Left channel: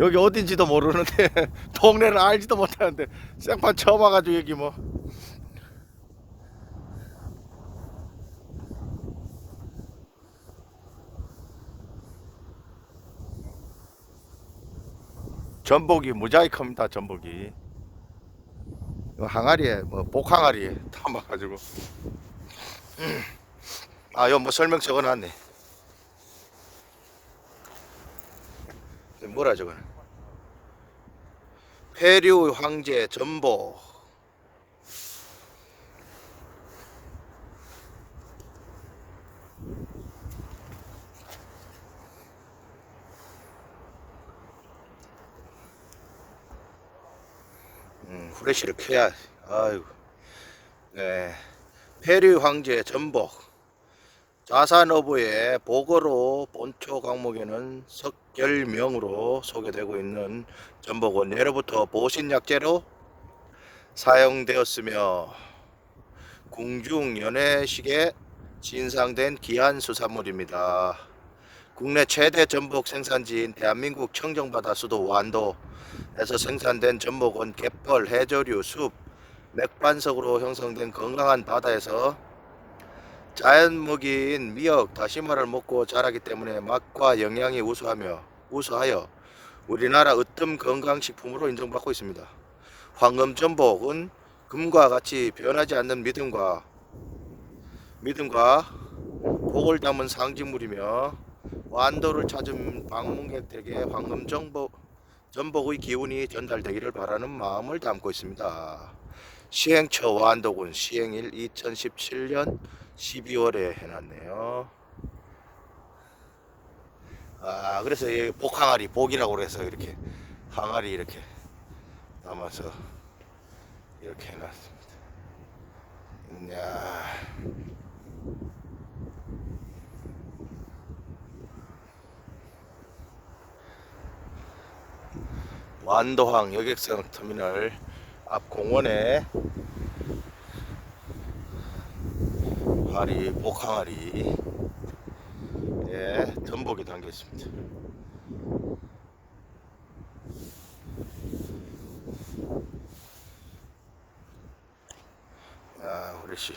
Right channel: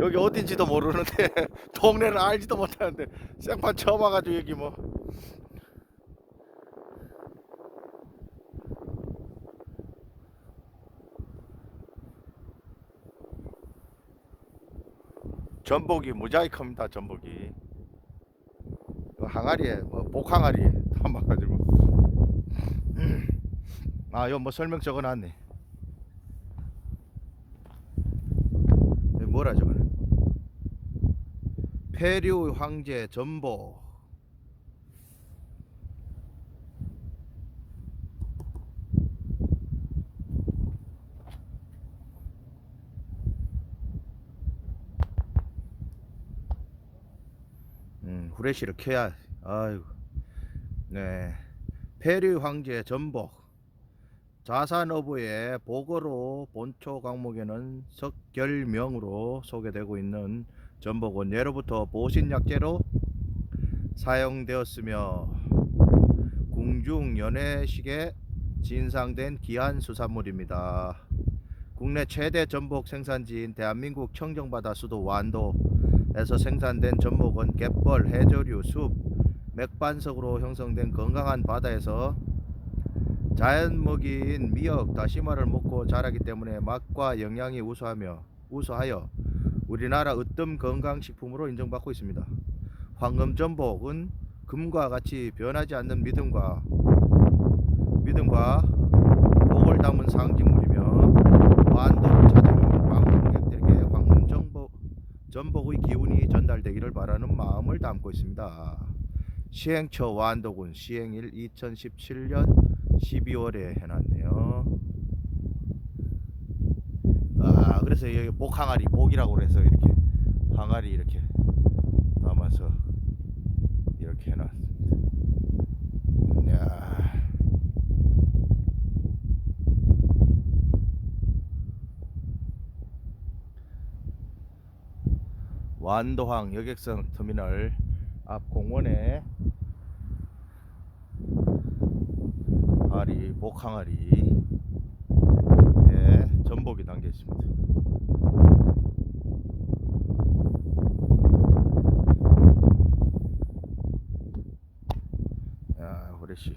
여기 어딘지도 모르는데 동네를 알지도 못하는데 생판 처음 와가지고 여기 뭐. 전복이 큽니다 전복이. 항아리에 뭐 복항아리에 담아가지고. 아 이거 뭐 설명 적어놨네. 뭐라 저거는 페류 황제 전복 음, 후레쉬를 켜야 아이고. 네. 페류 황제 전복 자산어부의 보거로 본초 강목에는 석결명으로 소개되고 있는 전복은 예로부터 보신약재로 사용되었으며 궁중 연회식에 진상된 귀한 수산물입니다. 국내 최대 전복 생산지인 대한민국 청정바다 수도 완도에서 생산된 전복은 갯벌, 해저류, 숲, 맥반석으로 형성된 건강한 바다에서 자연먹이인 미역, 다시마를 먹고 자라기 때문에 맛과 영양이 우수하며 우수하여 우리나라 으뜸 건강식품으로 인정받고 있습니다. 황금전복은 금과 같이 변하지 않는 믿음과 믿음과 복을 담은 상징물이며 완도를 찾은 방객들에게 황금전복 전복의 기운이 전달되기를 바라는 마음을 담고 있습니다. 시행처 완도군 시행일 2017년 12월에 해놨네요. 아 그래서 이 복항아리 복이라고 그래서 이렇게 항아리 이렇게 남아서 이렇게 해놨습니다. 야. 완도항 여객선 터미널 앞 공원에 항아리, 목항아리, 예, 전복이 담겨 있습니다. 야, 후레쉬.